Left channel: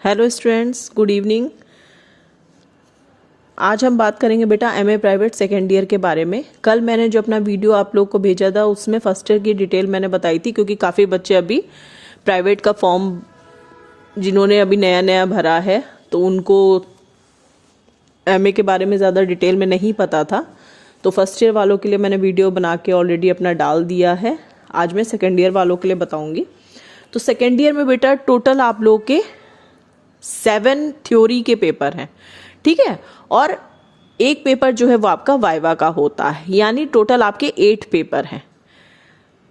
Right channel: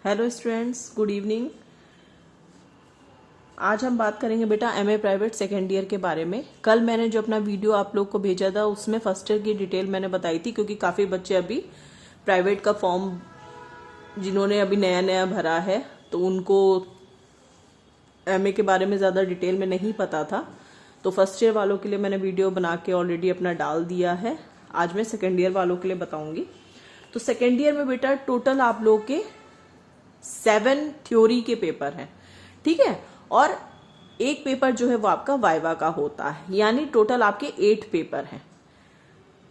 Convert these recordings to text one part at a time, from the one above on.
Hello students, good evening. आज हम बात करेंगे बेटा एमए प्राइवेट सेकेंड ईयर के बारे में। कल मैंने जो अपना वीडियो आप लोग को भेजा था उसमें फर्स्ट ईयर की डिटेल मैंने बताई थी, क्योंकि काफ़ी बच्चे अभी प्राइवेट का फॉर्म जिन्होंने अभी नया नया भरा है तो उनको एमए के बारे में ज़्यादा डिटेल में नहीं पता था। तो फर्स्ट ईयर वालों के लिए मैंने वीडियो बना के ऑलरेडी अपना डाल दिया है। आज मैं सेकेंड ईयर वालों के लिए बताऊँगी। तो सेकेंड ईयर में बेटा टोटल आप लोग के 7 थ्योरी के पेपर हैं, ठीक है, और एक पेपर जो है वो आपका वाइवा का होता है, यानी टोटल आपके 8 पेपर हैं।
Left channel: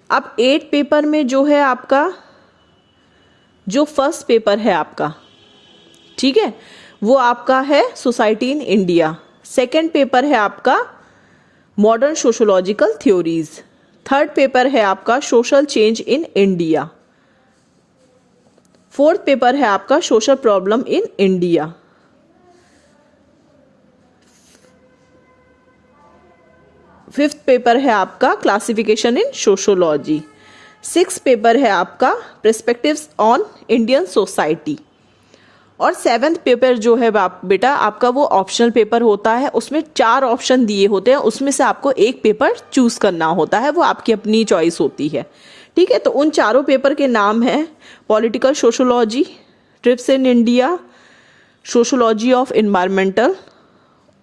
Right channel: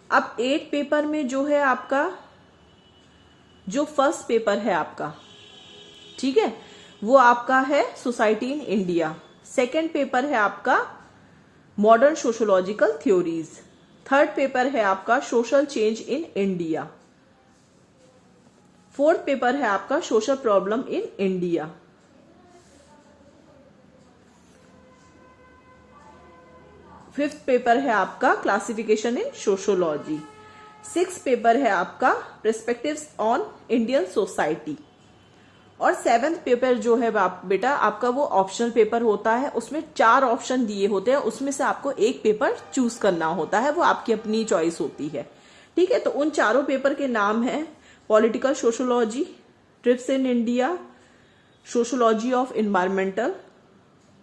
अब 8 पेपर में जो है आपका जो फर्स्ट पेपर है आपका, ठीक है, वो आपका है society in India. Second paper है आपका modern sociological theories. Third paper है आपका social change in India. Fourth paper है आपका social problem in India. Fifth paper है आपका क्लासिफिकेशन इन सोशोलॉजी। सिक्स्थ पेपर है आपका पर्सपेक्टिव्स ऑन इंडियन सोसाइटी। और सेवेंथ पेपर जो है बेटा आपका वो ऑप्शनल पेपर होता है। उसमें 4 ऑप्शन दिए होते हैं, उसमें से आपको एक पेपर चूज करना होता है, वो आपकी अपनी चॉइस होती है, ठीक है। तो उन चारों पेपर के नाम हैं political sociology, trips in India, sociology of environmental,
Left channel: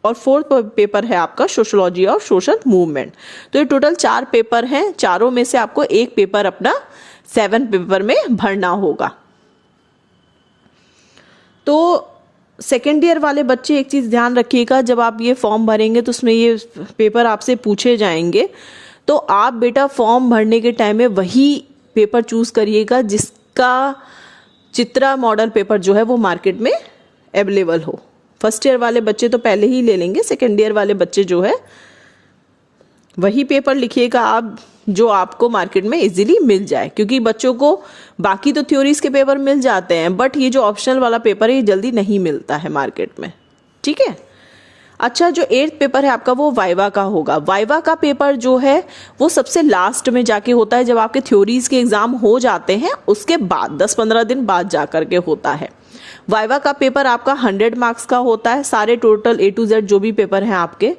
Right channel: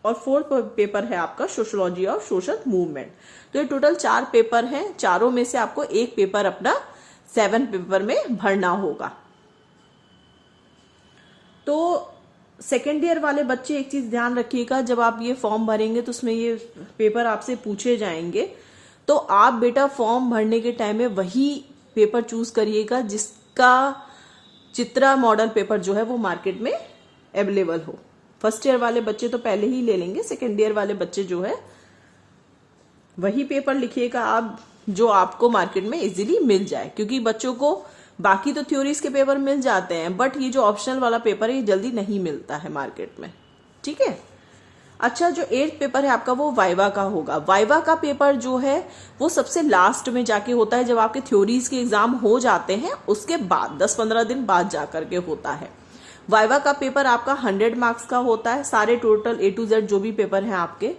और फोर्थ पेपर है आपका सोशोलॉजी ऑफ सोशल मूवमेंट। तो ये टोटल 4 पेपर हैं। चारों में से आपको एक पेपर अपना 7 पेपर में भरना होगा। तो सेकेंड ईयर वाले बच्चे एक चीज़ ध्यान रखिएगा, जब आप ये फॉर्म भरेंगे तो उसमें ये पेपर आपसे पूछे जाएंगे, तो आप बेटा फॉर्म भरने के टाइम में वही पेपर चूज करिएगा जिसका चित्रा मॉडल पेपर जो है वो मार्केट में अवेलेबल हो। फर्स्ट ईयर वाले बच्चे तो पहले ही ले लेंगे, सेकेंड ईयर वाले बच्चे जो है वही पेपर लिखिएगा आप जो आपको मार्केट में इजीली मिल जाए, क्योंकि बच्चों को बाकी तो थ्योरीज के पेपर मिल जाते हैं, बट ये जो ऑप्शनल वाला पेपर है ये जल्दी नहीं मिलता है मार्केट में, ठीक है। अच्छा, जो 8th पेपर है आपका वो वाइवा का होगा। वाइवा का पेपर जो है वो सबसे लास्ट में जाके होता है, जब आपके थ्योरीज के एग्जाम हो जाते हैं उसके बाद 10-15 दिन बाद जा करके होता है। वाइवा का पेपर आपका 100 मार्क्स का होता है। सारे टोटल A to Z जो भी पेपर हैं आपके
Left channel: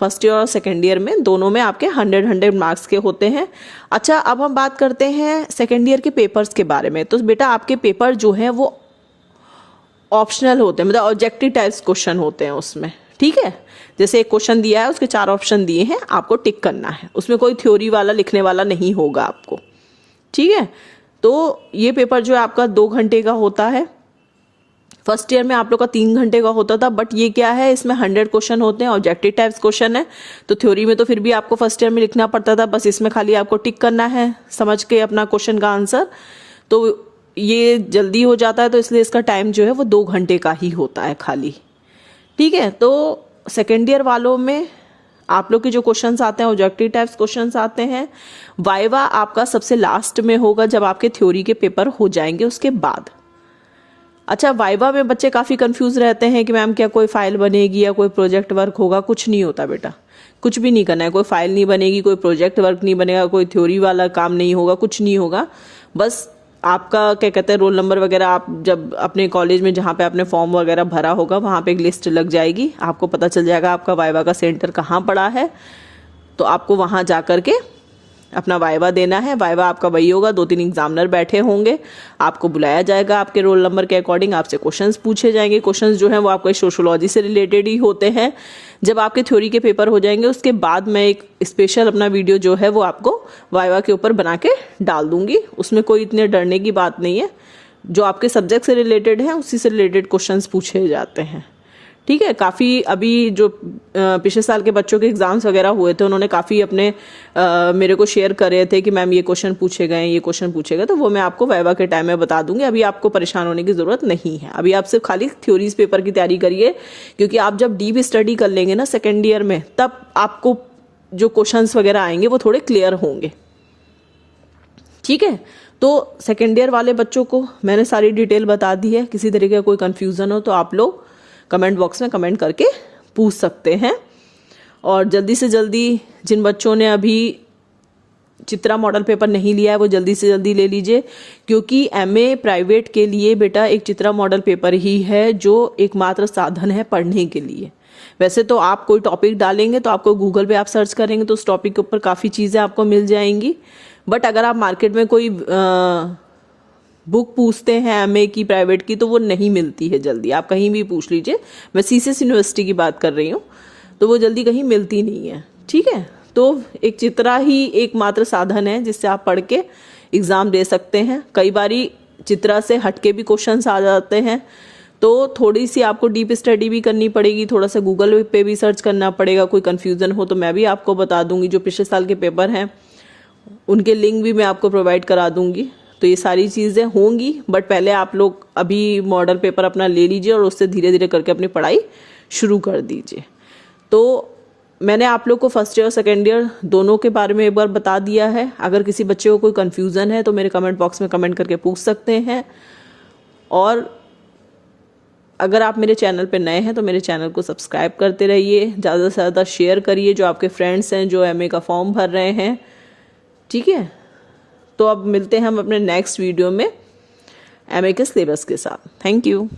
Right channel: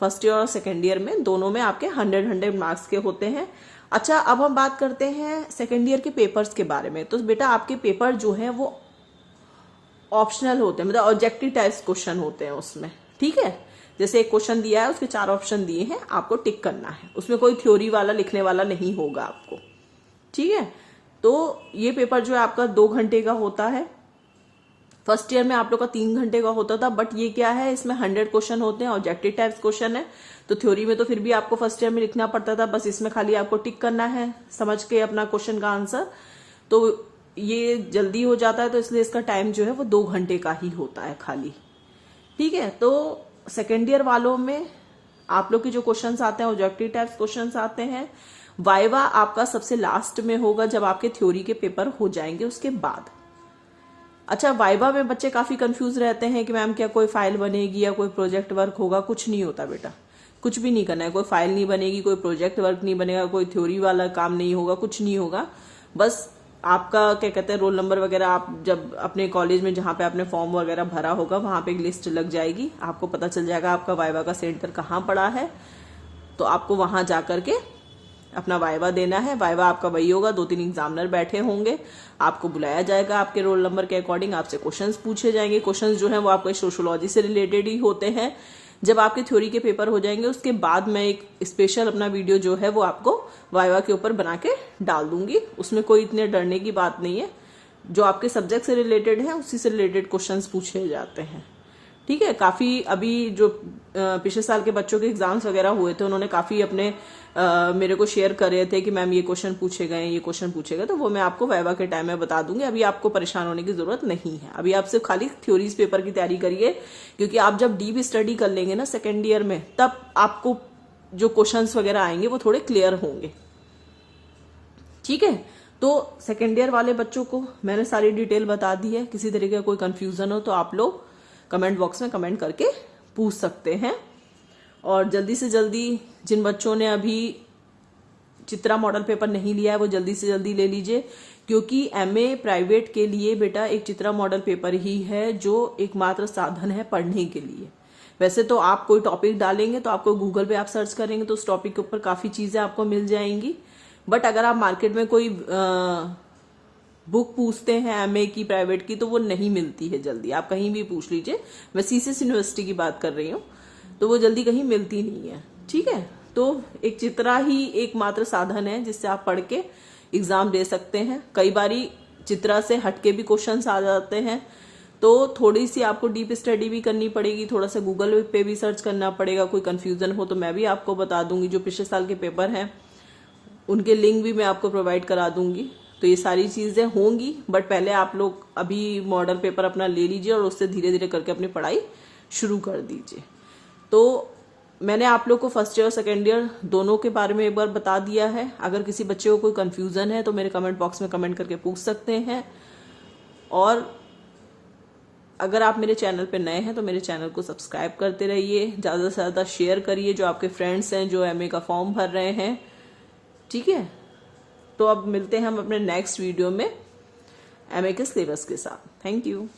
फर्स्ट ईयर और सेकेंड ईयर में, दोनों में आपके 100 मार्क्स के होते हैं। अच्छा, अब हम बात करते हैं सेकेंड ईयर के पेपर्स के बारे में। तो बेटा आपके पेपर जो है वो ऑप्शनल होते हैं, मतलब ऑब्जेक्टिव टाइप्स क्वेश्चन होते हैं उसमें, ठीक है। जैसे एक क्वेश्चन दिया है, उसके 4 ऑप्शन दिए हैं, आपको टिक करना है, उसमें कोई थ्योरी वाला लिखने वाला नहीं होगा आपको, ठीक है। तो ये पेपर जो है आपका 2 घंटे का होता है। फर्स्ट ईयर में आप लोग का 3 घंटे का होता था, बट ये क्या है, इसमें 100 क्वेश्चन होते हैं, ऑब्जेक्टिव टाइप्स क्वेश्चन है। तो थ्योरी में तो फिर भी आपको फर्स्ट ईयर में लिखना पड़ता था, बस इसमें खाली आपको टिक करना है समझ के अपना क्वेश्चन का आंसर। तो ये जल्दी हो जाता है, तो इसलिए इसका टाइम जो है वो 2 घंटे का ही होता है खाली, ठीक है। तो सेकेंड ईयर वालों में आप लोग के जो क्वेश्चंस आते हैं ऑब्जेक्टिव टाइप्स क्वेश्चंस आते हैं। वाइवा आपका सबसे लास्ट में होगा, जब आपके थ्योरी के पेपर हो जाएंगे उसके बाद। अच्छा, वाइवा में बच्चे काफ़ी कंफ्यूज रहते हैं कि मैम क्या कोई फाइल बनेगी या कोई प्रोजेक्ट वर्क होगा। कुछ नहीं होता बेटा, कुछ भी नहीं करना है। कोई फाइल नहीं बनेगी, कोई प्रोजेक्ट वर्क नहीं बनेगा, कोई थ्योरी वाला काम नहीं होगा, कुछ नहीं होगा। बस आपका क्या कहते हैं रोल नंबर वगैरह, आप जब अपने कॉलेज में जहाँ पे आपने फॉर्म वगैरह भरा होगा वहाँ पे एक लिस्ट लग जाएगी, आपको पता चल जाएगा आपका वाइवा का सेंटर कहाँ पड़ा है, तो आपको वहाँ जा करके अपना वाइवा देना है। वाइवा आपका वही होगा, 2-3 एग्जामिनर बैठे होंगे, आपको बुलाया जाएगा, आपके रोल नंबर के अकॉर्डिंग आपसे क्वेश्चंस पूछे जाएंगे। क्वेश्चंस जो हैं वो आपके सोशोलॉजी से रिलेटेड ही होते हैं। जब आपके थ्योरी के पेपर हो जाएंगे उसके बाद मैं एक स्पेशल अपना वीडियो जो है वो आपको वाइवा के ऊपर बना के डाल दूंगी। उसमें कोई इतने डरने की बात नहीं है, जो आपके सब्जेक्ट से रिलेटेड है उसी से रिलेटेड क्वेश्चंस पूछे जाते हैं, ठीक है। काफ़ी अभी जो पिछले साल के बच्चों के एग्जाम्स वगैरह हुए थे उन्होंने काफ़ी अपने मेरे को शेयर कर रहे थे कि मैम ये क्वेश्चन पूछे गए, ये क्वेश्चन पूछे गए, तो वो मैं आपको वाइवा के टाइम में बता दूंगी। अभी आपको परेशान होने की ज़रूरत नहीं है, अभी आप सिर्फ खाली थ्योरीज पेपर की तैयारी करिए, क्योंकि आप जब डीप स्टडी कर लेंगे ना सेकेंड ईयर में, तब आपको जो क्वेश्चन वगैरह आएंगे वो थोड़े क्लियर होंगे, ठीक है। तो सेकेंड ईयर वाले बच्चों को मैंने सारी डिटेल बता दी है। किसी तरीके का कोई कन्फ्यूज़न हो तो आप लोग कमेंट बॉक्स में कमेंट करके पूछ सकते हैं। और जल्दी से जल्दी जिन बच्चों ने अभी चित्रा मॉडल पेपर नहीं लिया है वो जल्दी से जल्दी ले लीजिए, क्योंकि एमए प्राइवेट के लिए बेटा एक चित्रा मॉडल पेपर ही है जो एकमात्र साधन है पढ़ने के लिए। वैसे तो आप कोई टॉपिक डालेंगे तो आपको गूगल पे आप सर्च करेंगे तो उस टॉपिक के ऊपर काफ़ी चीज़ें आपको मिल जाएंगी, बट अगर आप मार्केट में कोई बुक पूछते हैं एमए की प्राइवेट की तो वो नहीं मिलती है जल्दी। आप कहीं भी पूछ लीजिए, मैं सीसीएस यूनिवर्सिटी की बात कर रही हूँ, तो वो जल्दी कहीं मिलती नहीं है। ठीक है, तो एक चित्रा ही एकमात्र साधन है जिससे आप पढ़ के एग्ज़ाम दे सकते हैं। कई बारी चित्रा से हटके भी क्वेश्चंस आ जाते हैं, तो थोड़ी सी आपको डीप स्टडी भी करनी पड़ेगी, थोड़ा सा गूगल पे भी सर्च करना पड़ेगा। कोई कन्फ्यूज़न हो तो मैं भी आपको बता दूंगी, जो पिछले साल के पेपर हैं उनके लिंक भी मैं आपको प्रोवाइड करा दूंगी। तो ये सारी चीज़ें होंगी, बट पहले आप लोग अभी मॉडल पेपर अपना ले लीजिए और उससे धीरे धीरे करके अपनी पढ़ाई शुरू कर दीजिए। तो मैंने आप लोग को फर्स्ट ईयर और सेकेंड ईयर दोनों के बारे में एक बार बता दिया है। अगर किसी बच्चे को कोई कन्फ्यूज़न है तो मेरे कमेंट बॉक्स में कमेंट करके पूछ सकते हैं। और अगर आप मेरे चैनल पे नए हैं तो मेरे चैनल को सब्सक्राइब करते रहिए, ज़्यादा से ज़्यादा शेयर करिए जो आपके फ्रेंड्स हैं जो एमए का फॉर्म भर रहे हैं। ठीक है, तो अब मिलते हैं हम अपने नेक्स्ट वीडियो में एमए के सिलेबस के साथ। Thank you.